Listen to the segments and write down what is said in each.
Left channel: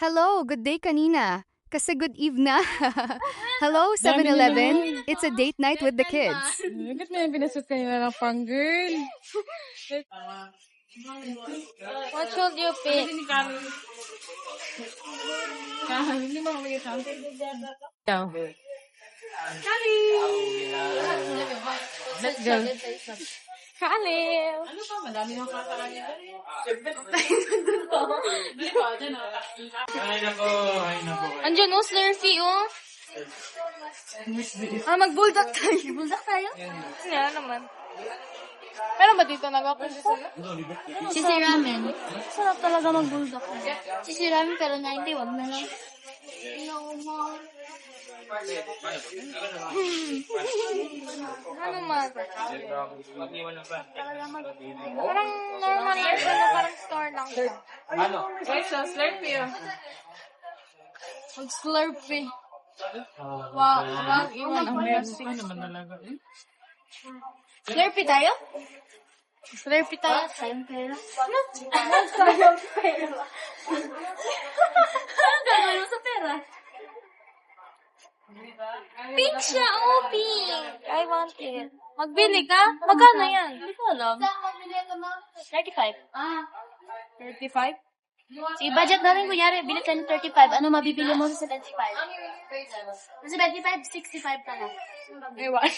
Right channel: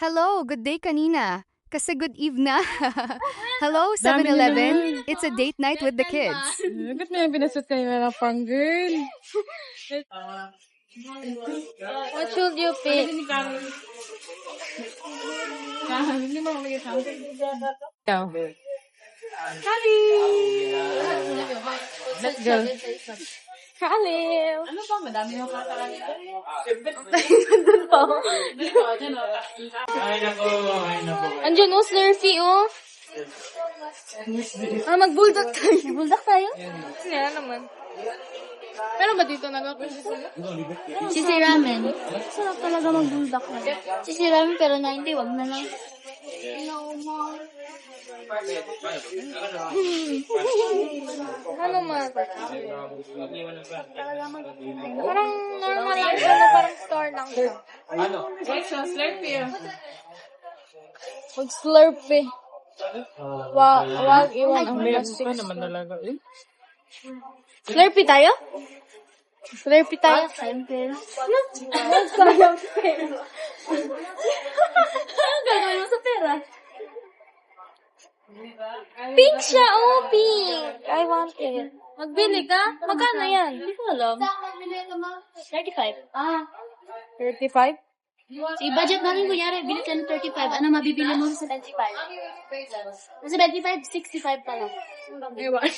Hello, good day kanina. Kasi good eve na. Hello, Dami 7-Eleven. It's a date night with the kids. Bakit na yung pinasot kanina ng pang girl? What should you pick? Hindi mo mamaya sa akin. Ikaw. Let's go. Kaliw. Ano ba? Madami ng kakaroon. Ay nako. Andiyan oh, Slurpee oh. Mag-bulldog tayo. Bulldog tayo? Yeah, naman. Pero ba dito nag-ako? Sisi ramen. Sarap talaga mag-bulldog. Sisi ramen pero 90, wag na lang. No more. Ano man? Parang normal lang siya, no? Parang store lang siya. Slurpee yun. Mag-Slurpee. Wow, iwan ang plastic. naman talaga eh. Slurpee tayo? Slurpee tayo? Sayang pera. Sayang pera. Ano gagawin mo sa pera? Pink siya, oh, pink. I want it. Magbili ka? Magkano yan? Hindi ko alam. 35. 35? Sige, budget namin kunyari, bili tayo ng 35. Ano mabibili mo sa 75? Sa 75, 65 pala. Ewan.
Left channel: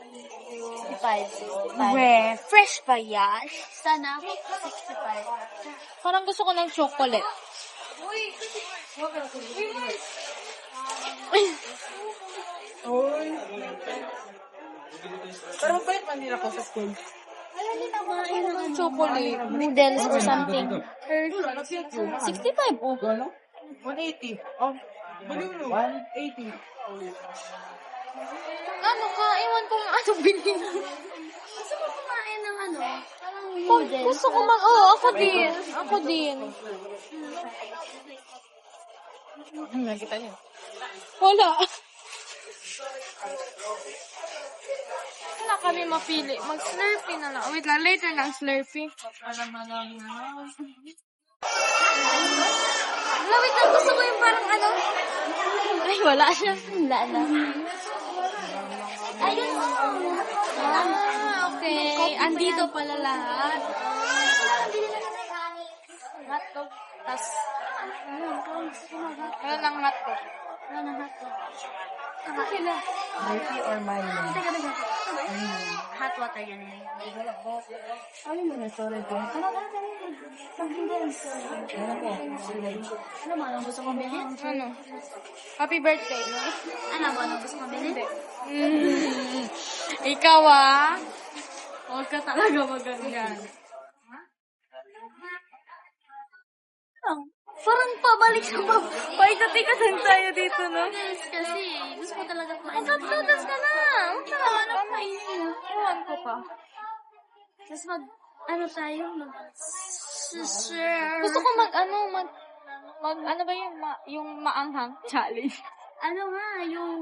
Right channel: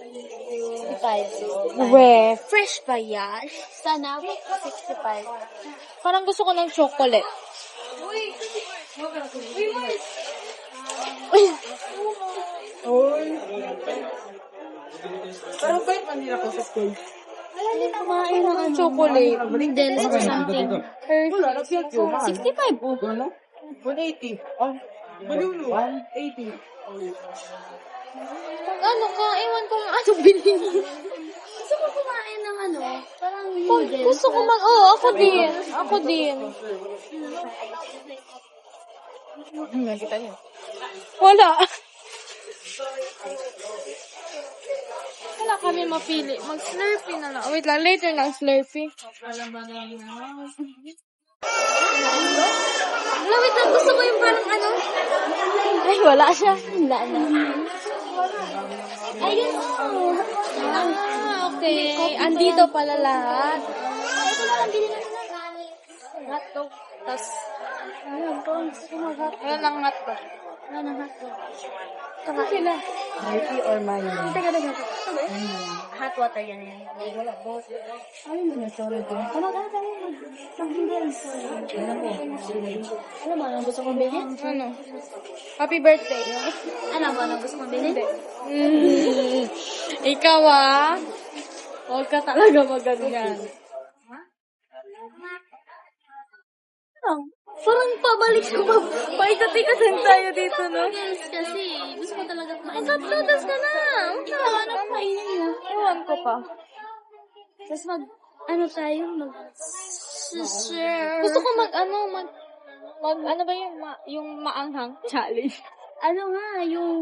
65. We, fresh pa yan? Sana, 65. Parang gusto ko ng chocolate. Pero pala pamira ko sa school. Wala din kumain ng chocolate. Noodles or something. 65 oh. 180. Oh, balulu. 180. Ano ka? Iwan ko nga ano bilhin. Gusto ko kumain ng ano, parang Oh, noodles. gusto ko man. Oh, ako din. Ako din. Nakita niyo. Wala. Wala kami mapili. Mag-Slurpee na lang. Wait lang, later ng Slurpee. Wala, wait lang. Gusto ko yung parang ano. Ay, wala siya. Wala na. Ayun oh. Okay. Andito pala lahat. Ito na lang, bili na lang. Hotdog. Tas, Ayun, parang gusto ko mag-hotdog. ano ng hotdog? Wala ng hotdog. Ano sila? Mighty or money? Teka. Hot water yan eh. Ano mo niya? Sorry din. Ano mo, anong gusto kong bilhin? Ano? Happy birthday. Ano ba, anong gusto kong bilhin? Ikaw ah. Huwag ka talaga maganyan. Parang pabalik ka pa. Paikot-ikotan tayo dito, no? Noodles kasi, gusto ko talaga kumain. Magkat-noodles ka na. Ano kainin mo? Ewan ko pa. Tapos ano tayo, Gusto ko ano ba yun? Yung maanghang challenge. ano nga, yung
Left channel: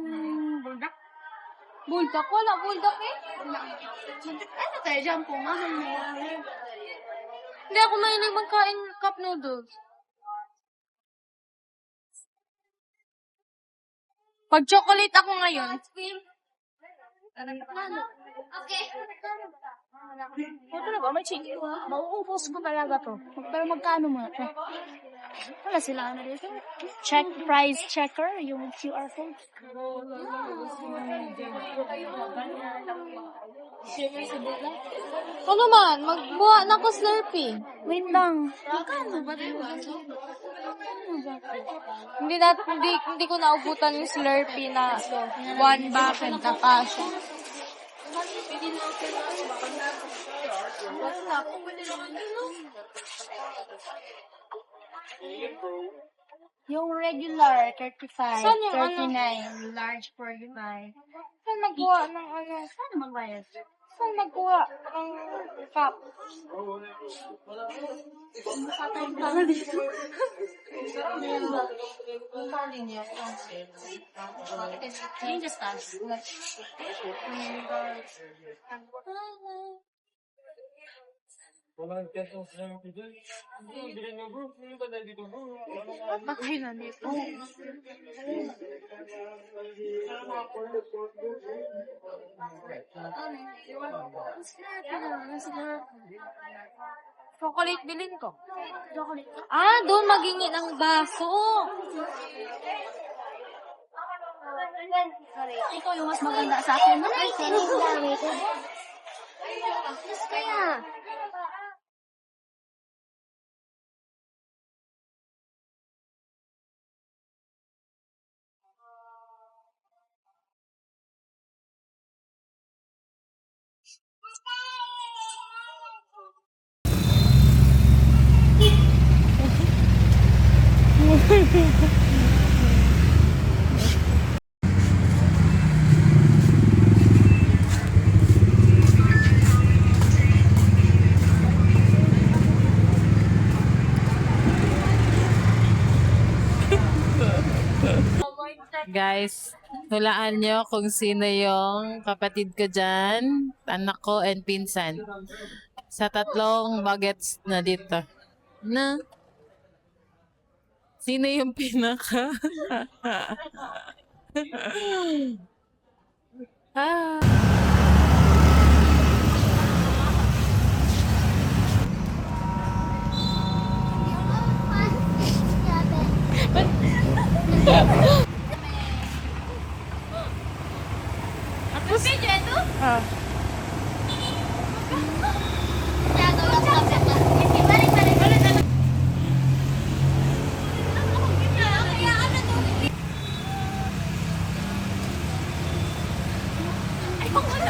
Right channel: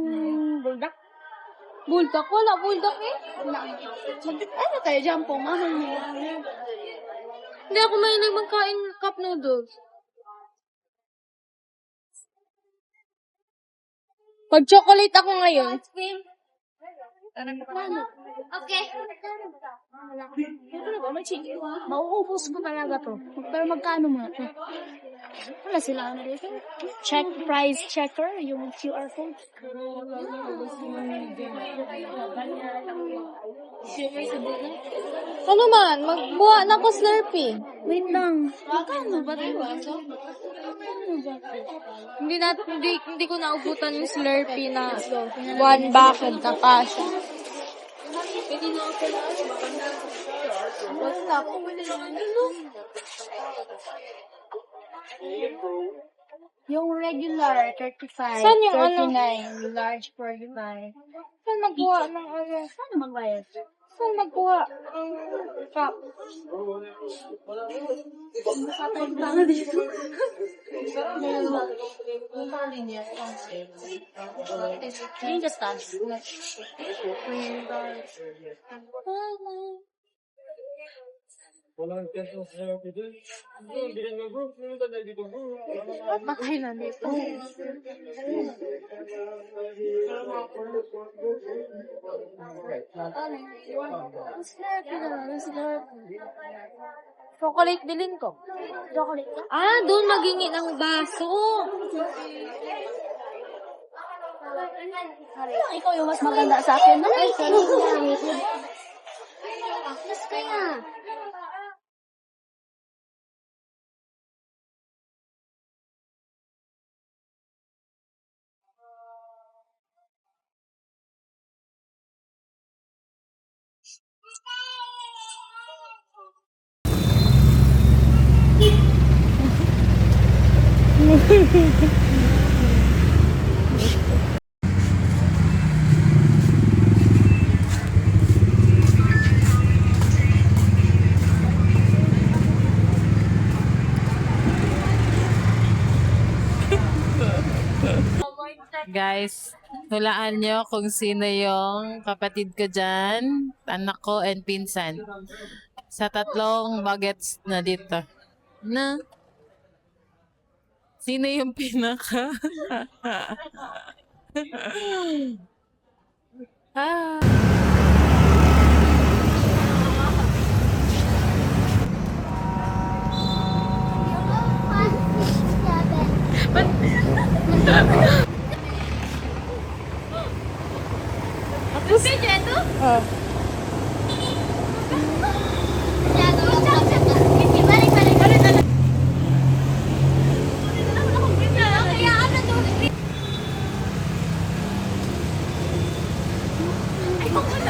buldak. Buldak? Wala buldak eh. Ano tayo dyan po, mamay mo. Hindi ako mahilig magkain cup noodles. Pag chocolate ako ngayon, Okay. Ito na ba? May chicken ba? Mauubos ko talaga to. Pero magkano muna to? Wala sila ano dito. Check price checker, yung QR code. ano man, magbuha na ko Slurpee. Wait lang. Magkano ba ito? Hindi ko naubutan yung Slurpee na one bucket na kasha. Yung regular, 35. Saan yung ano? 39. Large, 45. Saan magkuha ng ano? Saan magbayad? Saan magkuha ng cup? Patay pa nga dito. Yung just that. Makain na dito. Chocolate bilin ko. Chocolate ka? Ah, doon magingin ang baso. Ikaw yung mas maganda sa akin. Ay, sorry. Yes, kaya. Guys, hulaan nyo kung sino yung kapatid ko dyan, anak ko, and pinsan. Sa tatlong bagets na dito. Na? Sino yung pinaka? ah.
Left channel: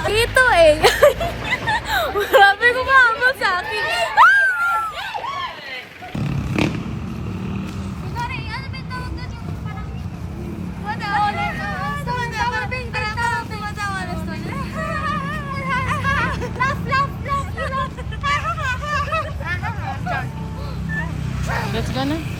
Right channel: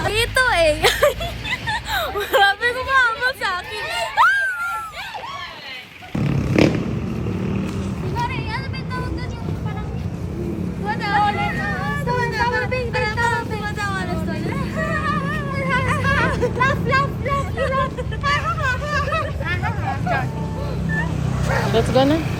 Ito eh. Grabe ko maamo sa akin. Let's go na.